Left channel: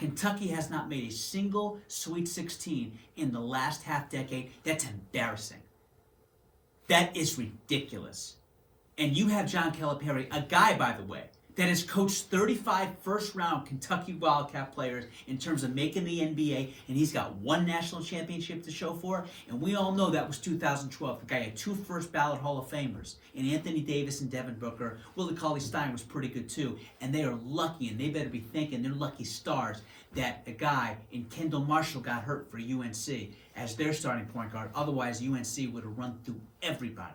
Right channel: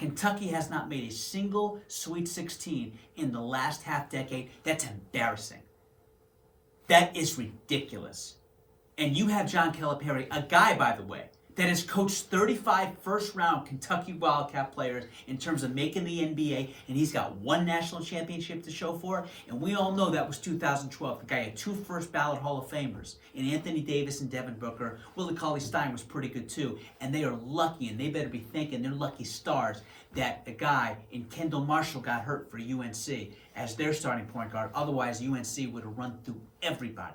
Kentucky has not made a single Sweet 16 in the last half decade. That's embarrassing. That is ridiculous. And you have John Calipari, a guy, by the way, that has coached 35 first-round Kentucky Wildcat players in terms of making the NBA, and he's got one national championship to show for it. And we all know that was 2012. The guy had 2 first-ballot Hall of Famers, in Anthony Davis and Devin Booker. Willie Cauley-Stein was pretty good too. And they are lucky, and they better be thinking they're lucky stars, that a guy in Kendall Marshall got hurt for UNC as their starting point guard. Otherwise, UNC would have run through everybody.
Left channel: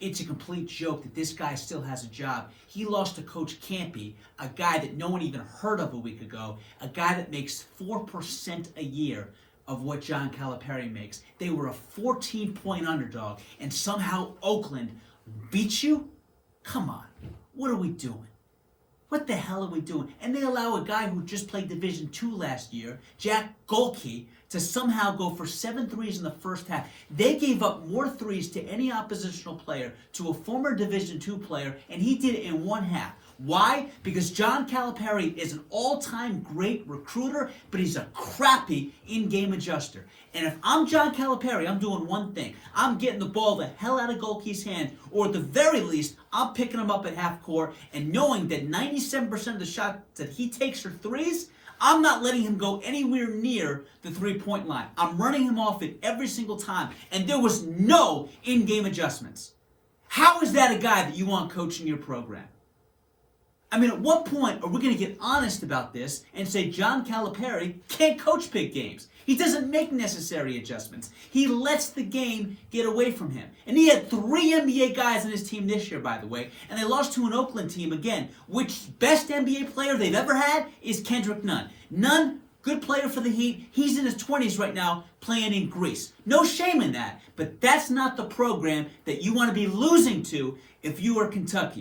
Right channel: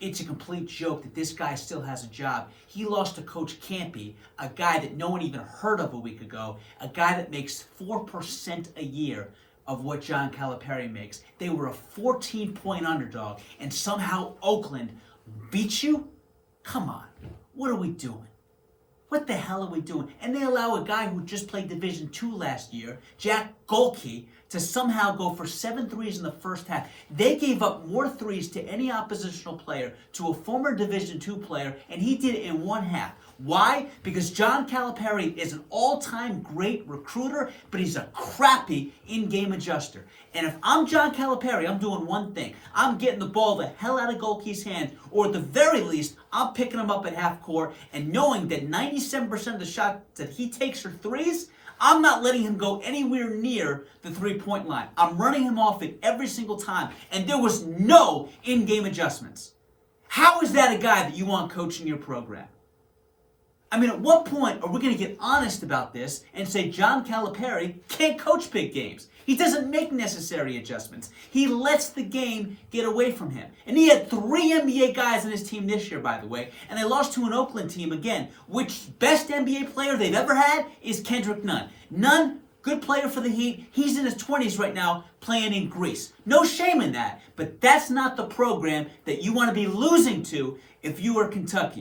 It's a complete joke that this guy still has a job. He lost to Coach Campy, a guy that no one even heard of a week ago, a guy that makes 4% a year of what John Calipari makes. They were a 14-point underdog, and somehow Oakland beat you? Come on. What are we doing? What the hell are we doing? And they allow a guy who just played Division II last year, Jack Golke, to somehow go for 7 threes in the first half. They gave up more threes to any oppositional player, to a former Division II player, and he did it in one half. Why? Because John Calipari is an all-time great recruiter, but he's a crappy in-game adjuster. And if I'm John Calipari, I'm doing one thing. I'm getting the ball the hell out of Golke's hand, or at the very least, I'm picking him up at half court, and knowing that 97% of the shots that he takes are threes, I'm not letting him go anywhere near the three-point line. I'm running him off it every single time, and there was no in-game adjustments. How is that a guy that you want coaching your program? I mean, at what point are we going to get honest about this and say John Calipari can't coach big games? He doesn't make necessary adjustments. He lets the game get away from him. And he had 3 NBA guys on his team this year, by the way, and they lost to an Oakland team again, which best NBA player they've ever had is Kendrick Nunn. Nunn, good player for the Heat. He's in his 20s right now playing in Greece. No shame in that, but that's not the program that you want to be losing to if you are Kentucky.